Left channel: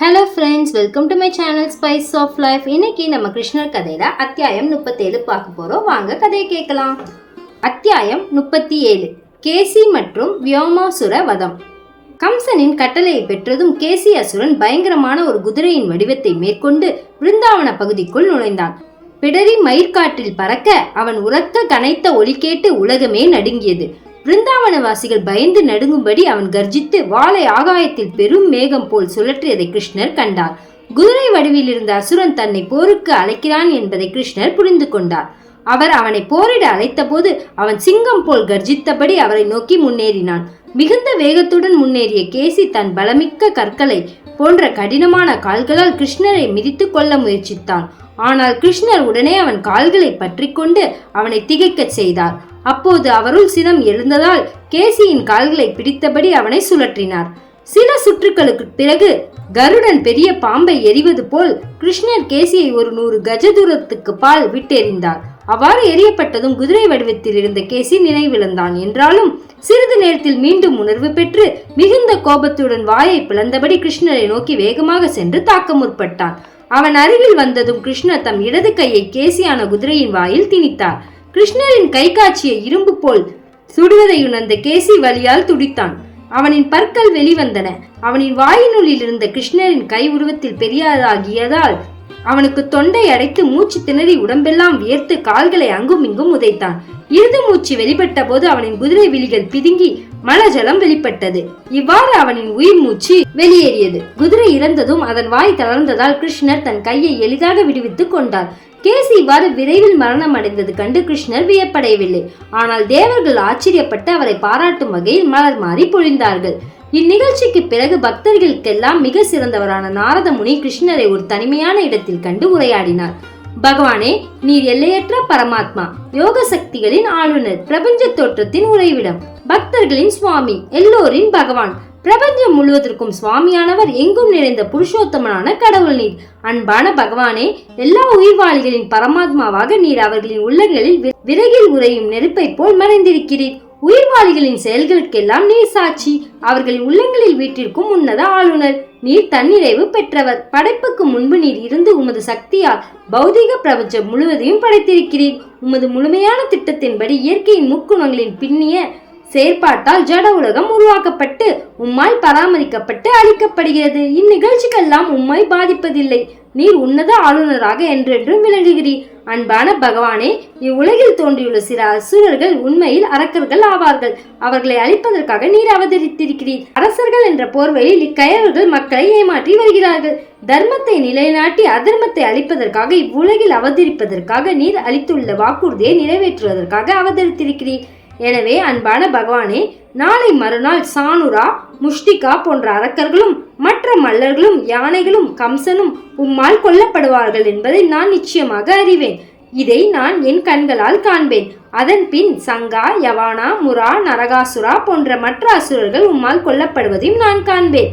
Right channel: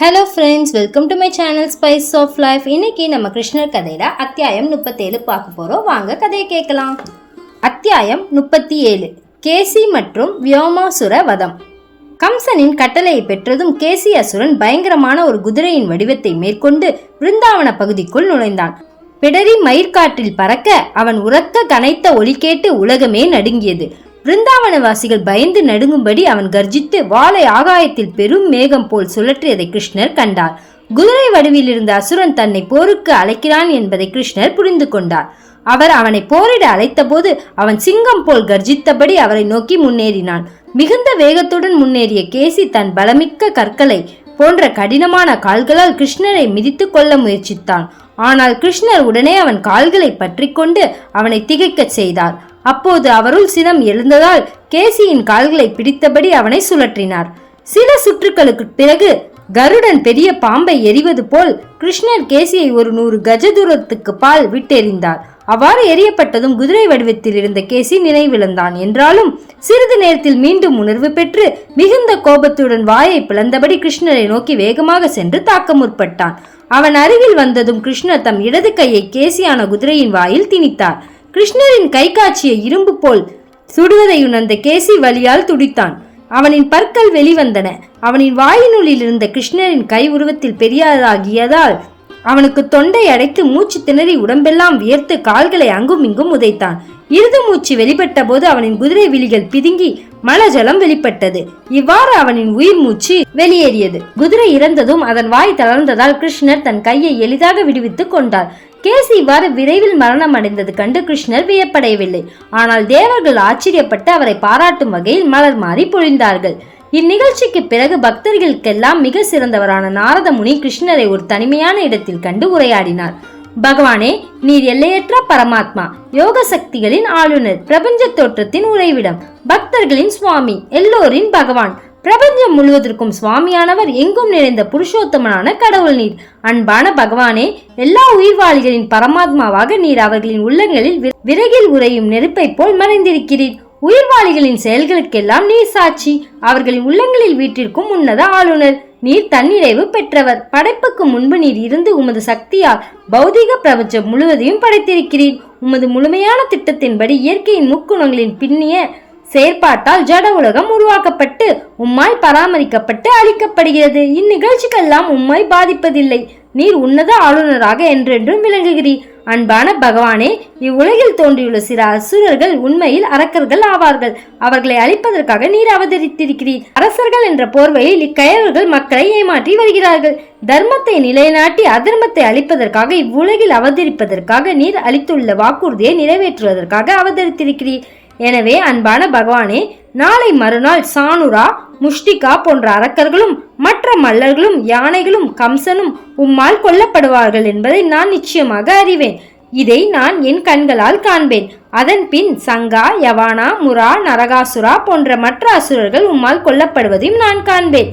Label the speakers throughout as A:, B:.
A: Hello friends welcome to my channel spice of life இன்னைக்கு நம்ம கிருஷ்ணர் கதையில அத்தியாயம் முப்பத்தேழு பார்க்க போறோம். வாங்க கதையை கேட்கலாம். அத்தியாயம் முப்பத்தி ஏழு கேசி மற்றும் வியோமாசுர வதம். கம்சனின் கட்டளையை பெற்றதும் கேசி அசுரன் பயங்கரமான ஒரு குதிரையின் வடிவத்தை மேற்கொண்டு பிருந்தாவன பகுதிக்குள் நுழைந்தான். பிடரி மயிர்காற்றில் பறக்க அவன் உரக்க கனைத்த ஒலி கேட்டு உலகமே நடுங்கியது. பிருந்தாவனவாசிகள் பயந்து நடுங்கும்படி அவன் கர்ஜித்து வாளை ஆகாயத்தில் பெரும் மேகம் போல் சுழற்றியதை கிருஷ்ணர் கண்டார். குதிரை வடிவில் இருந்த அசுரன் தன்னை போருக்கு அழைக்கிறான் என்பதை கிருஷ்ணர் புரிந்து கொண்டார். அவர் அவனை போரிட அழைத்தபோது அவன் சிங்கம் போல் கர்ஜித்தபடி அவரை நோக்கி முன்னேறினான். மிகுந்த வேகத்துடன் முன்னேறிய கேசி தன் பலமிக்க கற்களை போன்ற கடினமான கால்களால் கிருஷ்ணரை மிதித்து கொள்ள முயற்சித்தான். ஆனால் கிருஷ்ணர் உடனே அவன் கால்களை பற்றி கொண்டு அவனை திகைக்கச் செய்தார். அப்போது அவருள் சினம் எழுந்ததால் கேசியின் கால்களை பிடித்தபடி அவனை சுழற்றினார். சில சுற்றுக்களுக்கு பிறகு கருடன் பெரிய பாம்பை எரிவது போல் கிருஷ்ணர் கேசியை ஒரு நூறு கஜ தூரத்துக்கு பால் விட்டெறிந்தார். அவ்வாறு எரியப்பட்டதும் குதிரை வடிவத்தில் இருந்த கேசி நினைவிழந்தான். என்றாலும் சிறிது நேரத்தில் மீண்டும் உணர்வு பெற்று மிகுந்த கோபத்துடன் வாயை பிளந்தபடி கிருஷ்ணரை நோக்கி வேகமாக சென்று தாக்க முற்பட்டான். அவன் அருகில் வந்ததும் கிருஷ்ணர் தம் இடது கையை கேசியான குதிரையின் வாயில் திணித்தார். கிருஷ்ணரின் கை காட்சிய இரும்பு போல் சுடுவதை உணர்ந்த கேசி வலியால் துடித்தான். அவனின் பற்கள் வெளிவந்தன. அவனின் வாயினுள்ளில் இருந்த கிருஷ்ணரின் கை உருவத்தில் பெரியாதாகியதால் அவனுக்கு தொண்டை அடைத்து மூச்சு திணறி உடம்பெல்லாம் வியர்த்து கால்களை அங்கும் இங்கும் உதைத்தான். இறுதி மூச்சு வெளிப்பட்ட போது அவனின் குதிரை விழிகள் பிதுங்கி மலஜலம் வெளிப்பட்டது. இவ்வாறு அவனின் உயிர் மூச்சு வெளியேறியது. குதிரை இறந்ததும் அதன் வாய் தளர்ந்ததால் கிருஷ்ணர் தன் கையை எளிதாக விடுவித்துக் கொண்டார். கேசி இவ்வாறு விரைவில் மரணம் அடைந்தது கண்டு கிருஷ்ணர் வியப்படையவில்லை. ஆனால் தேவர்கள் ஆச்சரியப்பட்டு அவரை பாராட்டும் வகையில் மலர் மாறி பொழிந்தார்கள். இந்நிகழ்ச்சிக்கு பிறகு பக்தர்களுக்கெல்லாம் மிக சிறந்தவரான நாரத முனி கிருஷ்ணரை ஒரு தனிமையான இடத்தில் கண்டு உரையாடினார். பகவானே நீர் எல்லையற்ற பரமாத்மா யோக சக்திகளின் ஆளுநர் பிரபஞ்ச தோற்றத்தின் உறைவிடம் பக்தர்களின் சுவாமி எல்லோரின் பகவான் பிரபஞ்சம் முழுவதற்கும் சுவாமியானவர் எங்கும் நிறைந்த புருஷோத்தமனான கடவுள் நீர். அன்பான பகவானே எல்லா உயிர்வாளிகளின் பரமாத்மாவாக நீர் அவர்களின் உள்ளங்களில் விறகில் உறையும் நெருப்பை போல் மறைந்திருக்கிறீர். உயிர்வாளிகளின் செயல்களுக்கெல்லாம் நீர் சாட்சி. அவர்களின் உள்ளங்களில் வீட்டிற்கும் உன்னத ஆளுநர். நீர் தன்னிறைவு பெற்றவர். படைப்புக்கு முன்பு நீர் இருந்து உமது சக்தியால் பௌதிக பிரபஞ்சம் முழுவதையும் படைத்திருக்கிறீர். உமது முழுமையான திட்டத்தின்படி இயற்கையின் முக்குணங்களின் பின்னிய செயற்பாட்டால் ஜட உலகம் உருவாக்கப்பட்டு உம்மால் பராமரிக்கப்பட்டு அளிக்கப்படுகிறது இந்நிகழ்ச்சிக்கெல்லாம் உம்மை பாதிப்பதில்லை. நீர் உன்னத ஆளுநராக என்றென்றும் விளங்குகிறீர். அன்பான பகவானே இவ்வுலகில் தோன்றியுள்ள சில அசுரர்கள் உண்மையில் அரக்கர்கள் ஆவார்கள். அவர்களை அழிப்பதற்காக நீர் அவதரித்திருக்கிறீர். அரசர்கள் என்ற போர்வையில் இக்கயவர்கள் மக்களை ஏமாற்றி வருகிறார்கள். தர்மத்தை நிலைநாட்டி அதர்மத்தை அழிப்பதற்காக இவ்வுலகில் அவதரிப்பதற்காக நீர் அளித்துள்ள வாக்குறுதியை நிறைவேற்றுவதற்காக அவதரித்திருக்கிறீர். எனவே அன்பான பகவானே நாளை மறுநாள் சானுரா முஷ்டிகா போன்ற அரக்கர்களும் மற்ற மல்லர்களும் யானைகளும் கம்சனும் உம்மால் கொல்லப்படுவார்கள் என்பதை நான் நிச்சயமாக அறிவேன். இதை நான் என் கண்களால் காண்பேன். அதன் பின் சங்கா யவானா முரா நரகாசுரா போன்ற மற்ற அசுரர்கள் உம்மால் கொல்லப்படுவதையும் நான் காண்பேன்.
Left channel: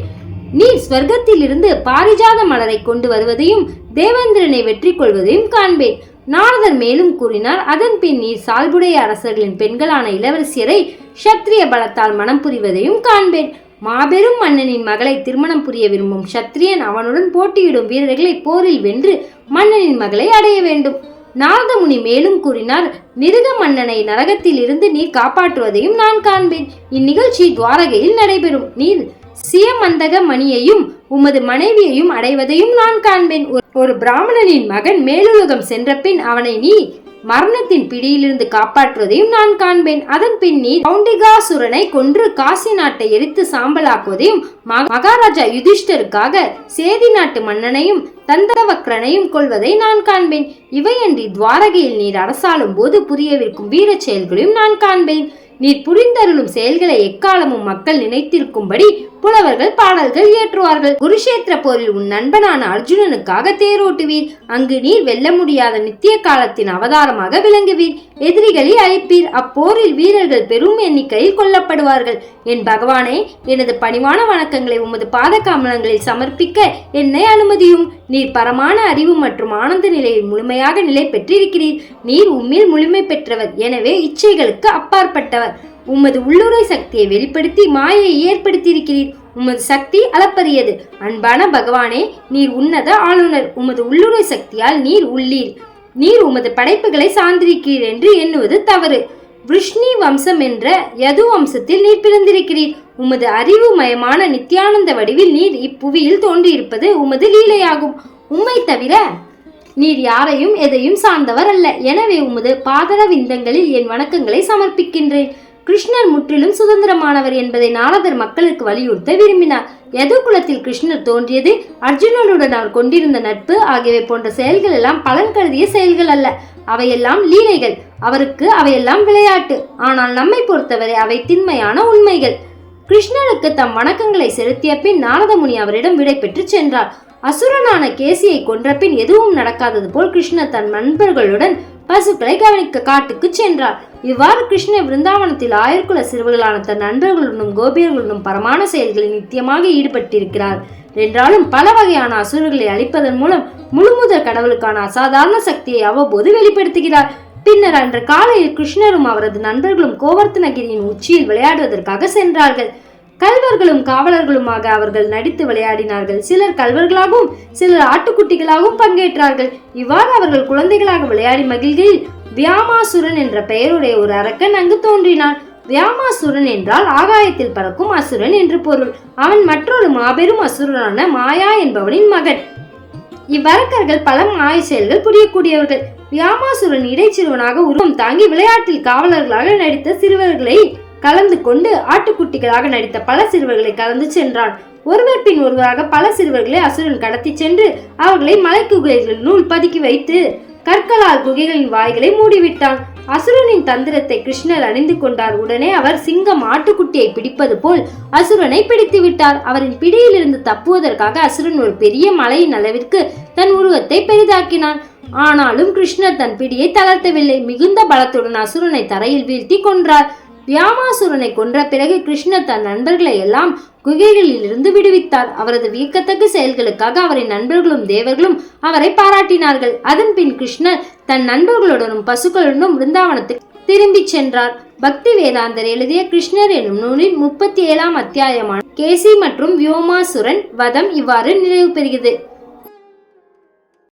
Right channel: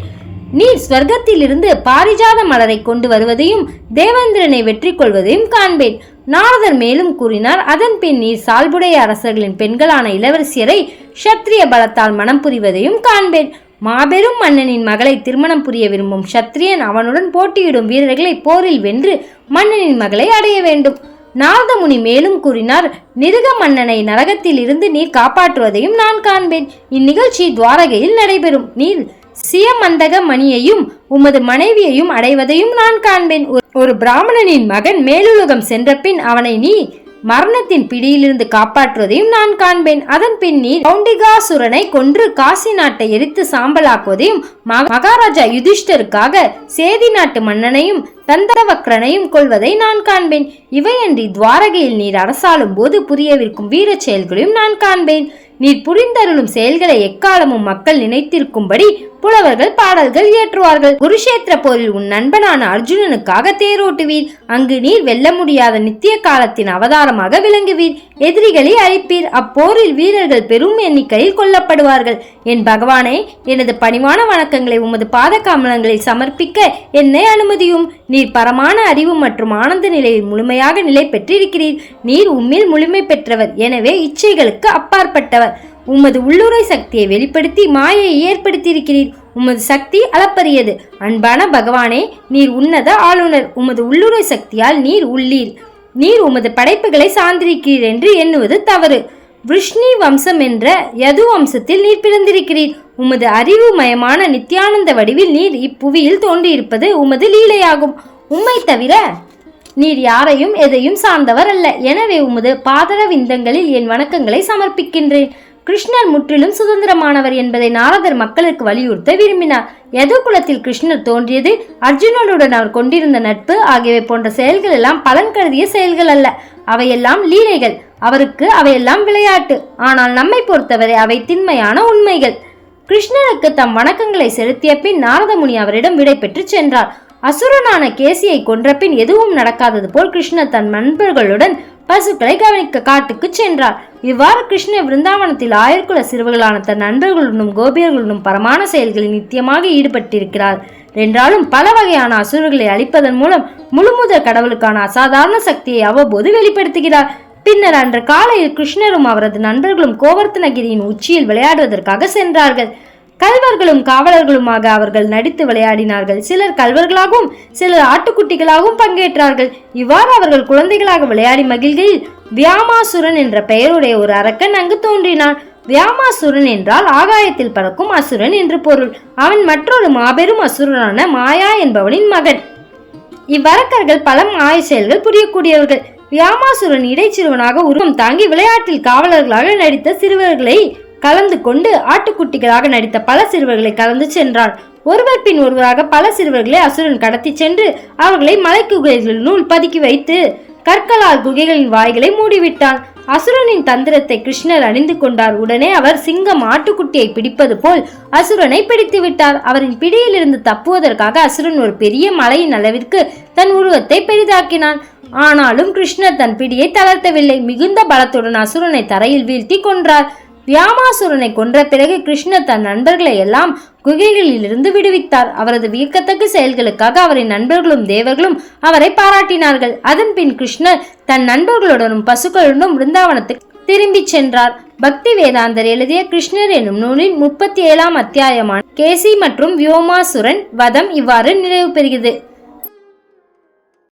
A: நீ ஸ்வர்க்கத்திலிருந்து பாரிஜாத மலரை கொண்டு வருவதையும் தேவேந்திரனை வெற்றி கொள்வதையும் காண்பேன். நாரதர் மேலும் கூறினார் அதன் பின் நீர் சால்புடைய அரசர்களின் பெண்களான இளவரசியரை சத்திரிய பலத்தால் மனம் புரிவதையும் காண்பேன். மாபெரும் மன்னனின் மகளை திருமணம் புரிய விரும்பும் சத்திரியன் அவனுடன் போட்டியிடும் வீரர்களை போரில் வென்று மன்னனின் மகளை அடைய வேண்டும். நாரதமுனி மேலும் கூறினார் நிருக மன்னனை நரகத்தில் இருந்து நீர் காப்பாற்றுவதையும் நான் காண்பேன். இந்நிகழ்ச்சி துவாரகையில் நடைபெறும். நீர் சியமந்தக மணியையும் உமது மனைவியையும் அடைவதையும் நான் காண்பேன். ஒரு- பிராமணனின் மகன் மேலுலகம் சென்ற பின் அவனை நீ மரணத்தின் பிடியிலிருந்து காப்பாற்றுவதையும் நான் காண்பேன். அதன் பின் நீ கௌண்டிகாசுரனை கொன்று காசி நாட்டை எரித்து சாம்பலாக்குவதையும் மகாராஜா யுதிஷ்டருக்காக சேதி நாட்டு மன்னனையும் தந்தவக்ரனையும் கொள்வதை நான் காண்பேன். இவையன்றி துவாரகையில் நீர் அரசாளும் போது புரியவிருக்கும் வீர செயல்களையும் நான் காண்பேன். நீர் புரிந்தருளும் செயல்களை எக்காலமும் மக்கள் நினைத்திருக்கும்படி புலவர்கள் பாடல்கள் இயற்றுவார்கள். குருஷேத்திர போரில் உன் நண்பனான அர்ஜுனனுக்காக தேரோட்டுவீர். அங்கு நீர் வெல்ல முடியாத நித்திய காலத்தின் அவதாரமாக விளங்குவீர். எதிரிகளை அழிப்பீர். அப்போரில் வீரர்கள் பெரும் எண்ணிக்கையில் கொல்லப்படுவார்கள். என் பகவானே எனது பணிவான வணக்கங்களை உமது பாத கமலங்களில் சமர்ப்பிக்க என்னை அனுமதியும். நீர் பரமான அறிவு மற்றும் ஆனந்த நிலையில் முழுமையாக நிலை பெற்றிருக்கிறீர் நீர் உம்மில் முழுமை பெற்றவர். எனவே இச்சைகளுக்கு அப்பாற்பட்டவர். உமது உள்ளுரை சக்தியை வெளிப்படுத்தி மாயை ஏற்படுத்தியிருக்கிறீர். உமது சக்தி அளப்பரியது. அன்பான பகவானே நீர் உன்னத ஆளுநர். உமது உள்ளுரை சக்தியால் நீர் உள்ளீர். நீர் உமது படைப்புகளை சார்ந்திருக்கிறீர் என்று எண்ணுவது தவறு. விஷ்ணி வம்சம் என்ற யது வம்சத்தில் நீர் பிறந்திருக்கிறீர். உமது அறிவுமயமான நித்யானந்த வடிவில் நீர் இப்புவியில் தோன்றியிருப்பது உமது லீலையாகும். உம்மை தவிர நீர் யாரையும் எதையும் சார்ந்தவர் அல்ல. எனவே உமது பாதர விந்தங்களில் என் வணக்கங்களை சமர்ப்பிக்கின்றேன். கிருஷ்ணர் முற்றிலும் சுதந்திரமானவர் என்பதை நாரதர் மக்களுக்கு வலியுறுத்த விரும்பினார். யது குலத்தில் கிருஷ்ணர் தோன்றியது அர்ஜுனனுடன் அவர் கொண்டிருந்த நட்பு ஆகியவை போன்ற செயல்கள் எல்லாம் பலன் கருதிய செயல்கள் அல்ல. அவையெல்லாம் லீலைகள். அவருக்கு அவையெல்லாம் விளையாட்டு. ஆனால் நம்மை பொறுத்தவரை அவை திண்மையான உண்மைகள். கிருஷ்ணருக்கு தம் வணக்கங்களை செலுத்திய பின் நாரதமுனி அவரிடம் விடை பெற்று சென்றார். அசுரனான கேசியை கொன்ற பின் எதுவும் நடக்காதது போல் கிருஷ்ணர் தன் நண்பர்களுடன் பசுக்களை கவனிக்க காட்டுக்கு சென்றார். இவ்வாறு கிருஷ்ண விருந்தாவனத்தில் ஆயர்குல சிறுவர்களான தன் நண்பர்களுடனும் கோபியர்களுடனும் பரமான செயல்களில் நித்தியமாக ஈடுபட்டிருக்கிறார். என்றாலும் பல வகையான அசுரர்களை அழிப்பதன் மூலம் முழுமுதல் கடவுளுக்கான அசாதாரண சக்தியை அவ்வப்போது வெளிப்படுத்துகிறார். பின்னர் அன்று காலையில் கிருஷ்ணரும் அவரது நண்பர்களும் கோவர்த்தனகிரியின் உச்சியில் விளையாடுவதற்காக சென்றார்கள். கல்வர்களும் காவலர்களுமாக அவர்கள் நடித்து விளையாடினார்கள். சிலர் கல்வர்களாகவும் சிலர் ஆட்டுக்குட்டிகளாகவும் பங்கேற்றார்கள். இவ்வாறு அவர்கள் குழந்தைகளாக விளையாடி மகிழ்கையில் வியாமாசுரன் என்ற பெயருடைய ஒரு அரக்கன் அங்கு தோன்றினான். வியாமாசுரன் என்றால் ஆகாயத்தில் பறக்கும் அசுரன் என்று பொருள். அவன் மற்றொரு மாபெரும் அசுரனான மாயா என்பவனின் மகன். இவ்வரக்கர்கள் பல மாய செயல்கள் புரியக்கூடியவர்கள். வியாமாசுரன் இடைச்சிறுவனாக உருவம் தாங்கி விளையாட்டில் காவலர்களாக நடித்த சிறுவர்களை கலந்து கொண்டு ஆட்டுக்குட்டிகளாக நடித்த பல சிறுவர்களை கலந்து சென்றான். ஒருவர் பின் ஒருவராக பல சிறுவர்களை அசுரன் கடத்தி சென்று அவர்களை மலைக்குகைகளினுள் பதுக்கி வைத்து கற்களால் குகைகளின் வாய்களை மூடிவிட்டான். அசுரனின் தந்திரத்தை கிருஷ்ணர் அணிந்து கொண்டார் உடனே அவர் சிங்கம் ஆட்டுக்குட்டியை பிடிப்பது போல் அசுரனை பிடித்து விட்டார். அவரின் பிடியிலிருந்து தப்புவதற்காக அசுரன் ஒரு பெரிய மலையின் அளவிற்கு தன் உருவத்தை பெரிதாக்கினான். ஆனாலும் கிருஷ்ணர் தன் பிடியை தளர்த்தவில்லை. மிகுந்த பலத்துடன் அசுரனை தரையில் வீழ்த்தி கொன்றார். வியாமாசுரனை கொன்ற பிறகு கிருஷ்ணர் தன் நண்பர்களை எல்லாம் குகைகளில் இருந்து விடுவித்தார் அவரது வியக்கத்தக்க செயல்களுக்காக அவரின் நண்பர்களும் தேவர்களும் அவரை பாராட்டினார்கள். அதன் பின் கிருஷ்ணர் தன் நண்பர்களுடனும் பசுக்களுடனும் பிருந்தாவனத்துக்கு திரும்பிச் சென்றார். பக்தி வேதாந்தர் எழுதிய கிருஷ்ணர் என்னும் நூலின் முப்பத்தி ஏழாம் அத்தியாயமான கேசி மற்றும் வியோமாசுரன் வதம் இவ்வாறு நிறைவு பெறுகிறது.